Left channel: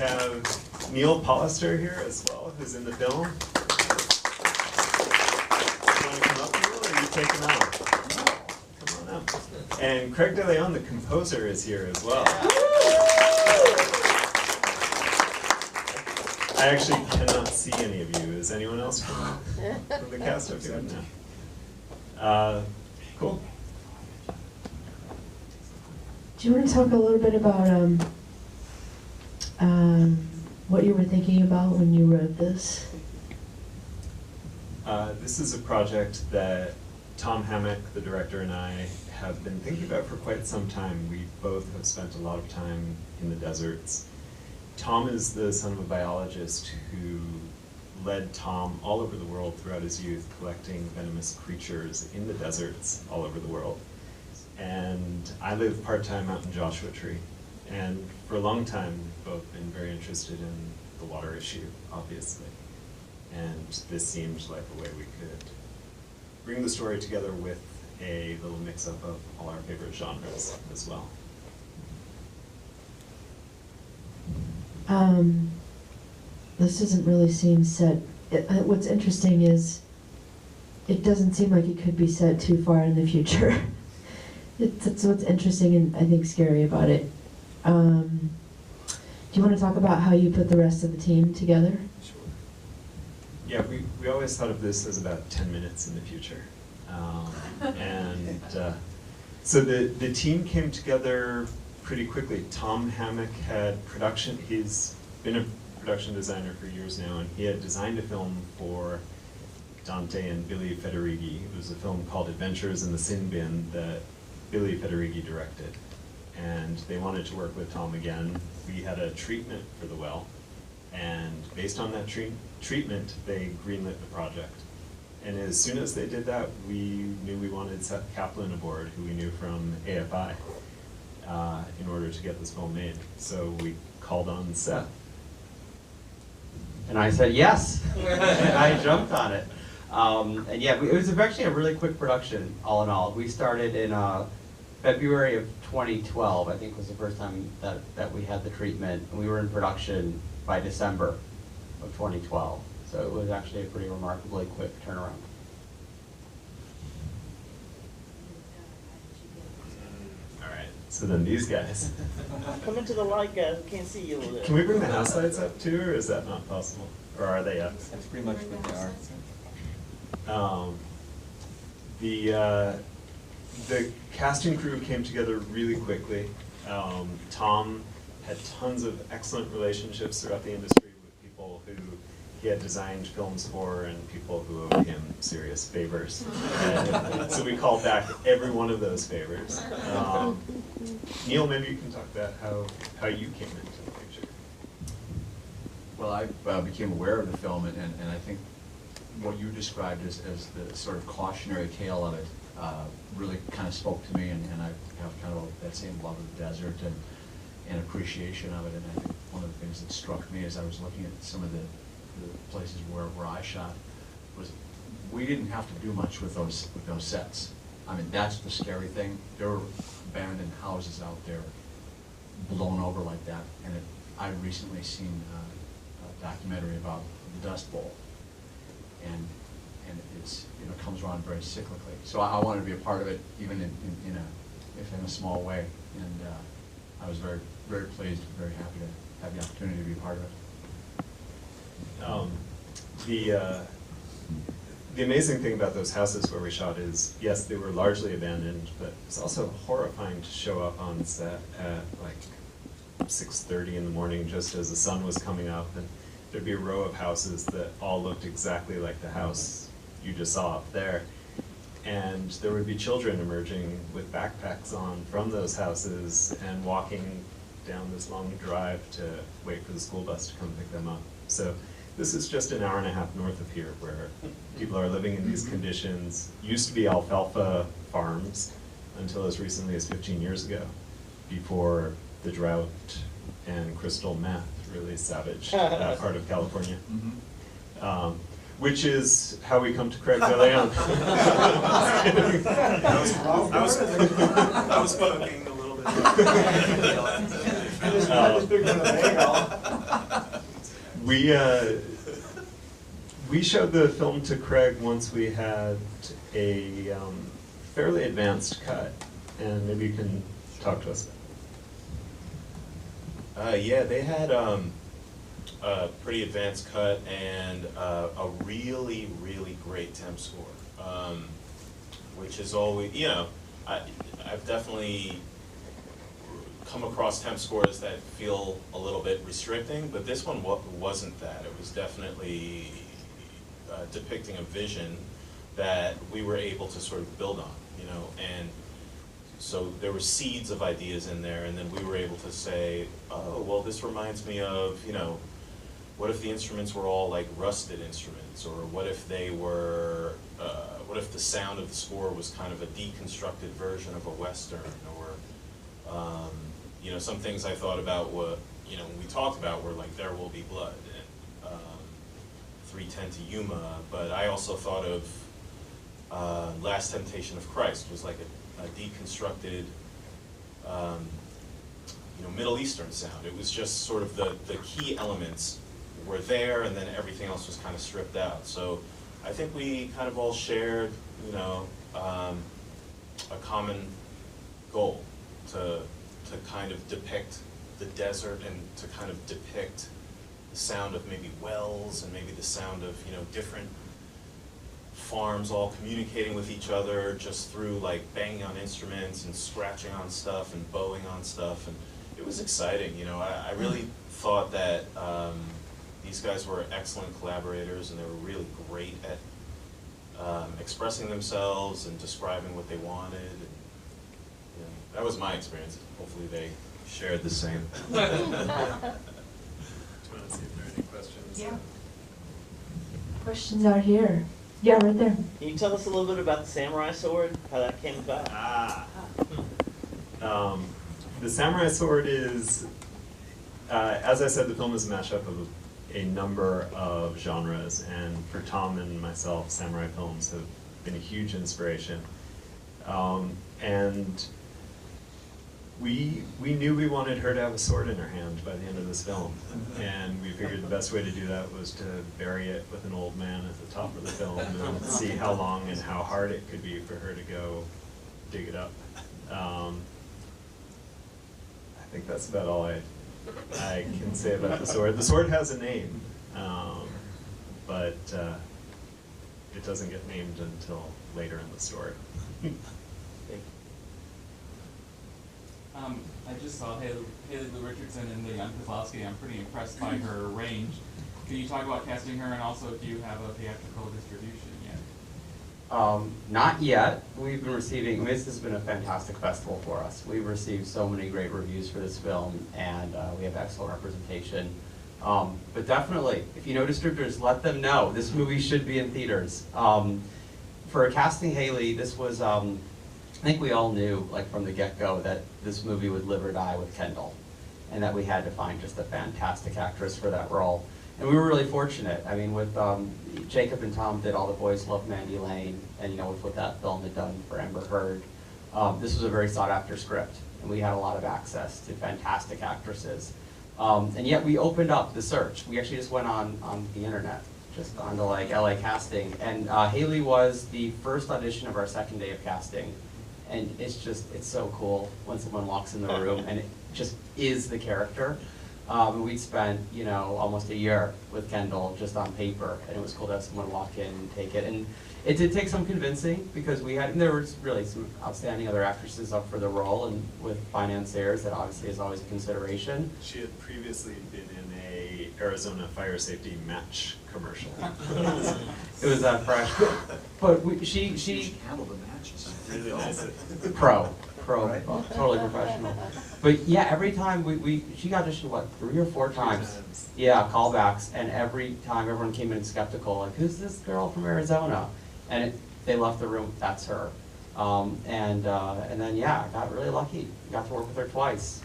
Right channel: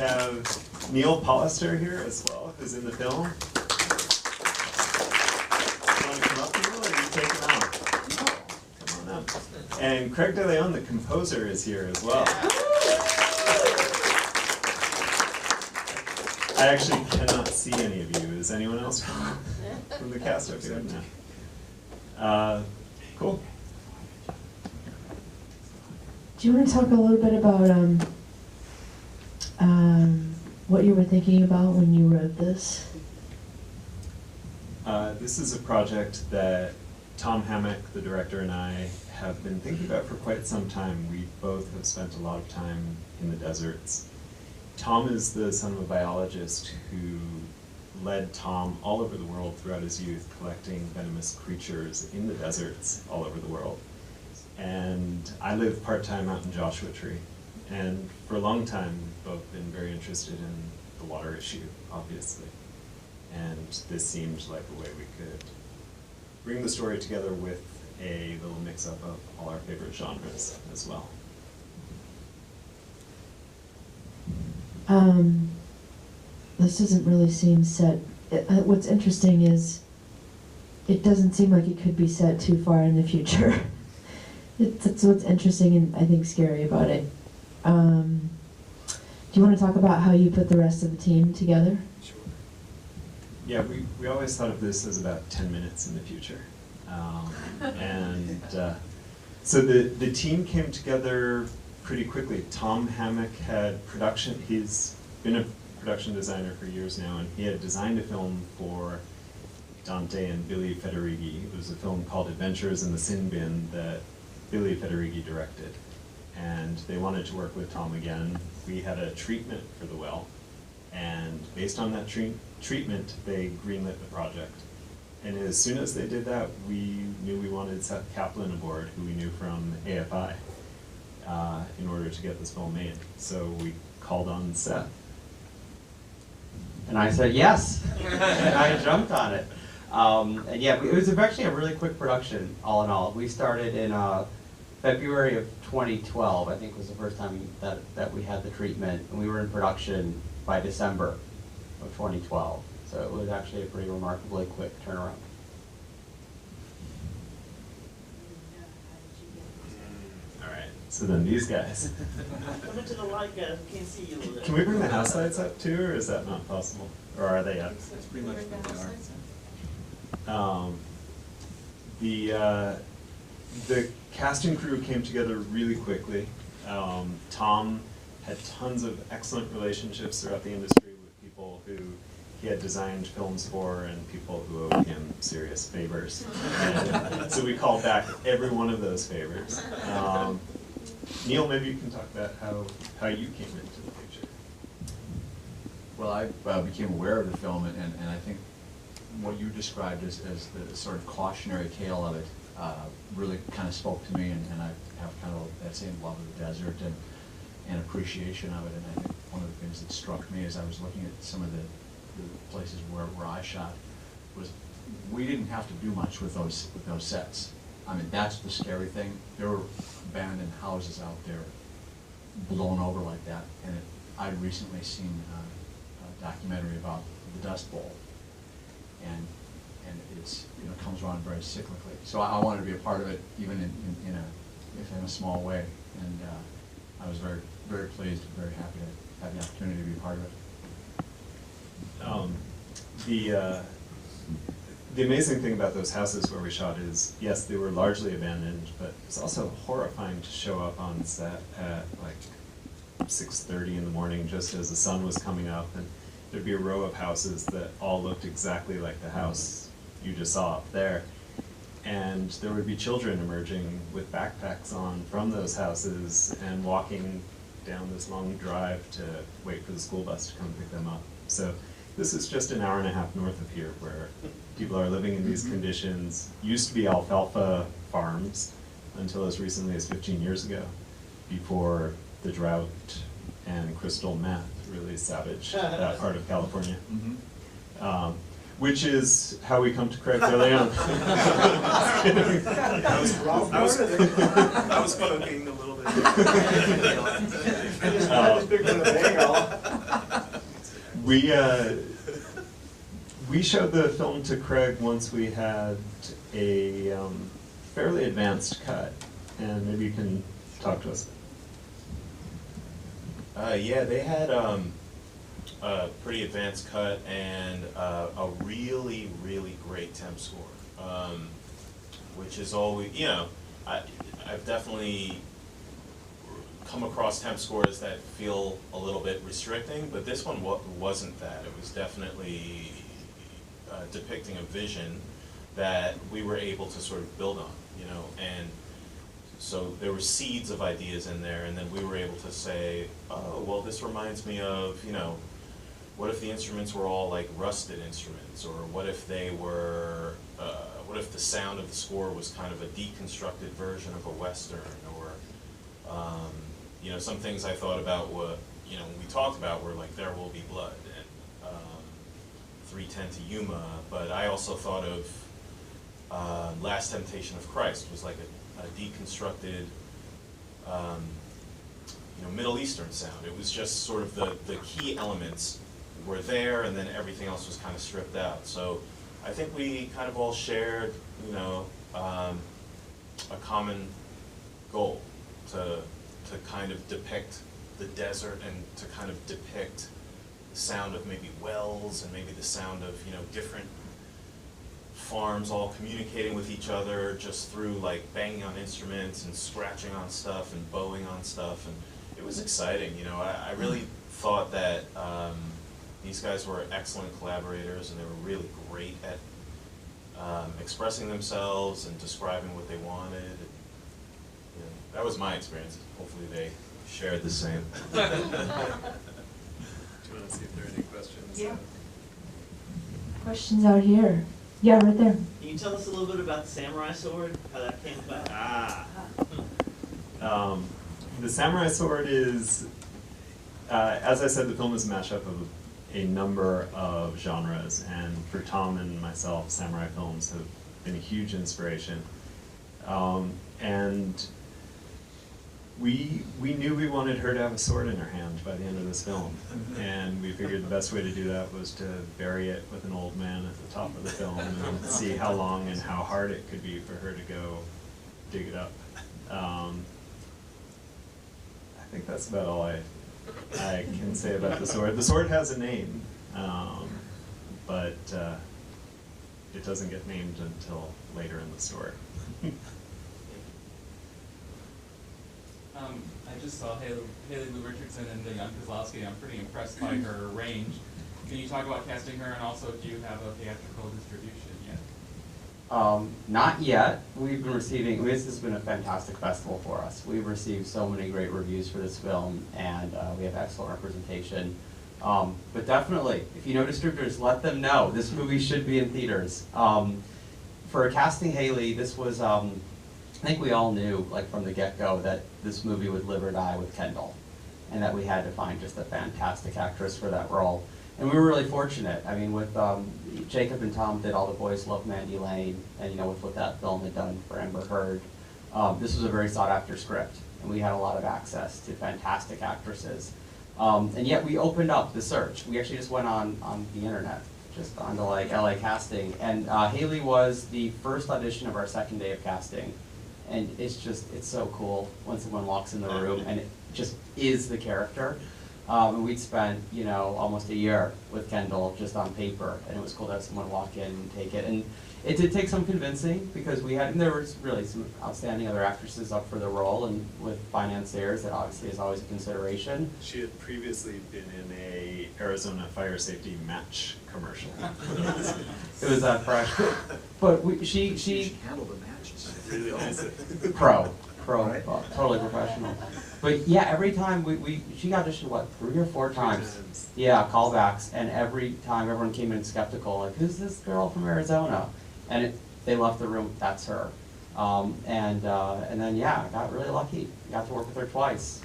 have Neal Polister here as well, who's in the film. You want to come up, Neal, or you take him out? No. Come on up. And Craig Deleon, the composer, is here as well. I actually cannot see any of you. Is anyone else from the cast up here? No. Cool. Do you want to talk a little bit about what you were thinking about when you wrote this? This is a project that Tom Hammock, the director, and I have been thinking about for quite some time. We both have spent a lot of time in the deserts. Tom is the son of a biologist who led Tom all over the world throughout his youth, collecting venomous creatures in the deserts all over the world. And I live part-time out in Joshua Tree. And for a long time, we've both been very interested in the water issue, obviously. And this seemed like a way we could bring the story together with a little mix-up of all our favorite genres as well. This doesn't really seem set. What's interesting is it doesn't seem like it could be set too far in the future. That's what's interesting and I think scary about it. Do you want to talk about how you put the rest of the team together? Sure. Yeah, we always thought of this as about 10 minutes in the future. So the team came together pretty quickly. Tom Hammock had production, he's been a production designer for years now, and he had designed a film for Dante and Billy Federighi. It was a film called Adventures in the Sin Bin that Billy Federighi directed. And they wanted to work with Tom again. We had a treatment for the well, and based on that treatment, they greenlit the project. And as soon as they did that, we knew we wanted Seth Caplan aboard, who we knew from AFI, in order to get this film made. So we called on Seth. And I said yes, and I jumped on it. And yeah, it was actually a really quick production, all in all. We started in February of 2012, I think was the first time that we had the treatment, and we were in production by December of 2012. So it was actually a pretty remarkably quick turnaround. All right, so then these guys. Come into the light, guys. We can't see you over there. Can we bring the house lights up too, or is that not possible? Or are they up? That's pretty much what they are. The casting crew came together really quickly. Tom had tons of excellent relationships throughout the industry with people who he had designed films for and people who owed him serious favors. So we called back every one of those favors. Neal, maybe you can talk about how you came into the picture. Well, I became aware of the film, and I think what you described as the sort of cautionary tale of it really kind of spoke to me, and I have kind of that same love of the desert and appreciation of it. And I think one of the things that struck me as I was looking at some of the places where I shot was we didn't have to do much with those sets. I mean, that's the scary thing. There were abandoned houses out there blown over like that, and I'd recently seen a documentary about the Dust Bowl, and it's comes around very cyclically. So I wanted to be a part of it, even in a small way, and I was very, very pleased and very happy to have the opportunity to be a part of it. The amazing thing about those houses where we shot is, yes, they were largely abandoned, but it's also horrifying to show up on set at like 6:30 in the morning just as the sun was coming up, and there'd be a row of houses that all looked exactly like the house you just saw up there. And there would be children emerging with backpacks on from those houses and walking down this long drive to wait for the school bus to come pick them up. So this is just an hour and a half north of here where people are living in these conditions. Used to be alfalfa farms until as recently as 15 years ago, before the drought and crystal meth really savaged that part of California. Which is how we come to Craig Deleon. I was fun of being a little bit. I just picked on the bagel. We showed the film to Craig once we had a fairly advanced cut, and maybe you can talk to us. Yeah, they had a pretty advanced cut and a really, really great temp score, which is always, I've definitely come across temp scores that feel a little bit restricting, but this one wasn't that. It was definitely depicting a vision that we were able to sort of build on, and so there were seeds of ideas in there, and then we were able to say, oh, well, this reminds me of, what if the instruments were all like rusted instruments, or what if they were, what if the sound of the score was kind of a deconstructed version of a Western, or, some things I thought about when we talked about were like There Will Be Blood, and 3:10 to Yuma, but I also thought of Last Temptation of Christ was like a deconstructed, Middle Eastern sound. It was just sort of the key elements were there, and then everything else was kind of stripped out. So I think we kind of all shared, a common goal to kind of depict the desert and to kind of depict the sound of maybe wells and maybe the sound of, different farms all communicating with each other just through like banging on instruments and scratching on stuff and bowing on stuff, and it was exciting. I really thought that these guys were excellent collaborators, and they were really great at expressing themselves and describing what they wanted. And, that was my experience. Hopefully they shared the same. Do you want to see if there are any questions? Yeah. Questions out here. Yeah, right there. Can you tell us a little bit about the samurai sword, how that came about? The samurai sword is, as I said, the film is a mashup of a number of genres, and for Tom and myself, samurai films have been a huge inspiration. And we knew we wanted her to have a sword in her hand by the end of this film, and we figured the best way to do that was to bury it with an old man at the top of the film and see how long and how hard it could be for her to go dig it up. I think that's about all I can say about the sword. The sword has a name, but it doesn't get named until later in the story. I just saw Haley Lou Richardson in the Young Kozlowski. I'm pretty impressed by her range. Can you talk about casting her, and also do you have a theatrical distribution yet? Not yet. We've been receiving, this has been a fantastic festival for us. We've received so many great reviews for this film, and we have excellent representation. But definitely, if you know distributors, let them know. This movie should be in theaters. For casting Haley, this was, I think we all knew, like from the get-go, that this movie would live or die with Kendall, and that we had to find just a fantastic actress for that role. And we were really fortunate. I mean, with Jacob and Tom did All the Boys Love Mandy Lane, and with what that film had done for Amber Heard, this was a very sought-after script, and we had a lot of access to fantastic actresses. And yet we opened up the search. We actually just went on the internet, just onto like LA Casting, and Haley was the first audition of our second day of casting. And it's so cool when someone walks in the room and it just is the character. We'd spent, almost a year with Kendall just on paper, and it was cool to have someone walk in and take it. And it did take some convincing, because there was really some outstanding other actresses up for the role, and with financiers, that obviously is always a consideration. She had previously been in a Arizona fire safety match commercial. It was fresh, but she handled the matches. Really nice. pro, totally professional. But yeah, every time she auditioned 3 or 4 times. Yeah, callbacks, and every time everyone came in skeptical, like, who's this girl from Arizona? And they left the room, that's her. And then I got really lucky. Got to work with her twice.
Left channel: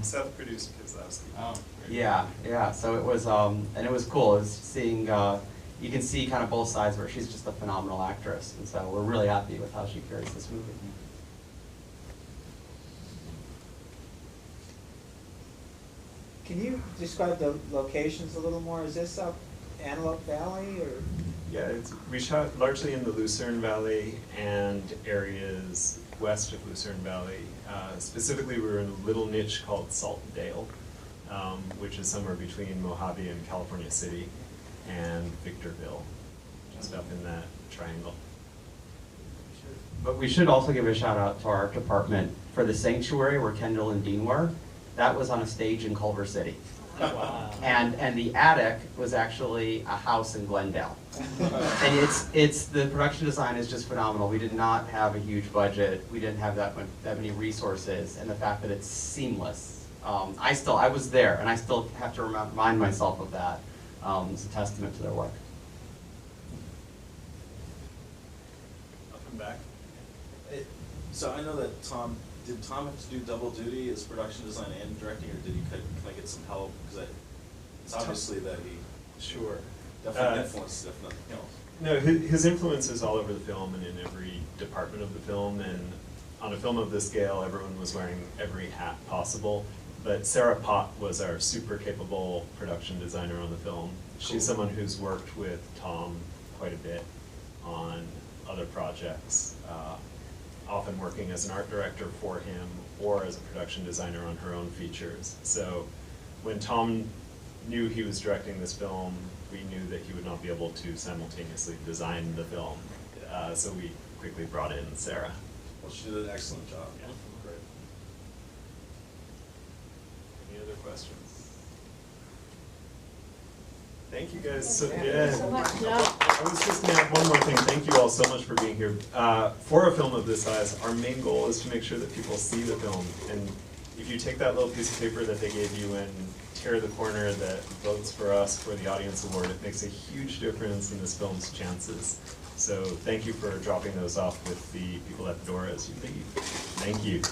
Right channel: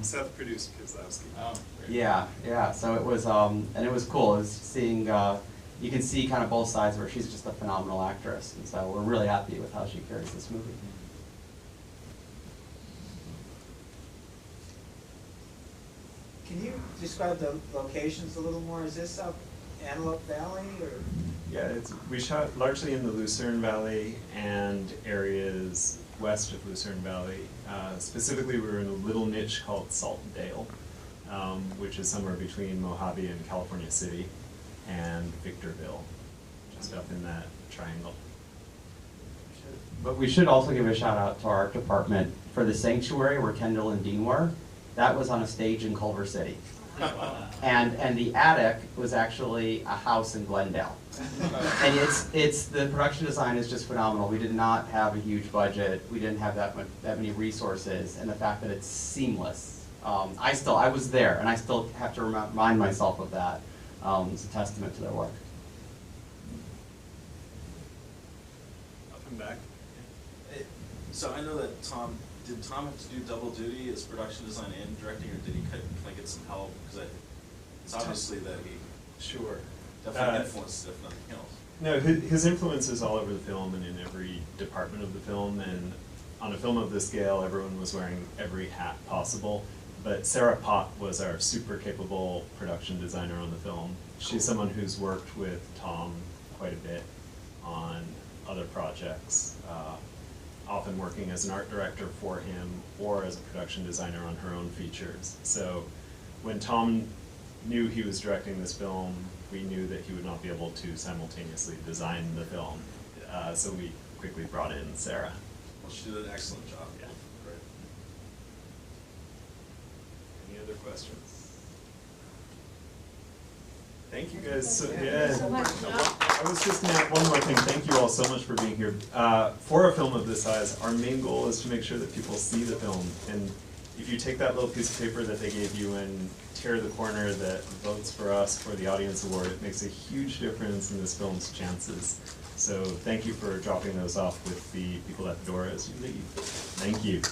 Seth produced Kozlowski. Oh, Yeah. So it was, and it was cool. It was seeing, you can see kind of both sides where she's just a phenomenal actress, and so we're really happy with how she carries this movie. Can you describe the locations a little more? Is this up Antelope Valley or? Yeah, we shot largely in the Lucerne Valley and areas west of Lucerne Valley. Specifically, we were in a little niche called Saltondale, which is somewhere between Mojave and California City, and Victorville, just up in that triangle. But we should also give a shout out to our department for the sanctuary where Kendall and Dean were. That was on a stage in Culver City. And the attic was actually a house in Glendale. And it's the production design is just phenomenal. We did not have a huge budget. We didn't have that many resources, and the fact that it's seamless. I was there, and I still have to remind myself of that. It's a testament to their work. I'll come back. So I know that did Tom have to do double duty as production design and directing, or did he kind of get some help? Because it's obviously that he Sure. definitely influenced, if nothing else. No, his influence is all over the film and in every department of the film, and on a film of this scale, everyone was wearing every hat possible. But Sarah Pott was our super capable production designer on the film. She's someone who's worked with Tom quite a bit on other projects, often working as an art director for him or as a production designer on her own features. So when Tom knew he was directing this film, we knew that he would not be able to simultaneously design the film. So we quickly brought in Sarah. Well, she did an excellent job. Yeah. Great. Any other questions? Thank you guys. So, Thank yeah. you so much. I was just going to add one more thing. Thank you all so much for being here. For a film of this size, our main goal is to make sure that people see the film. And if you take that little piece of paper that they gave you and tear the corner that votes for us for the Audience Award, it makes a huge difference in this film's chances. So thank you for dropping those off with the people at the door as you leave. Thank you.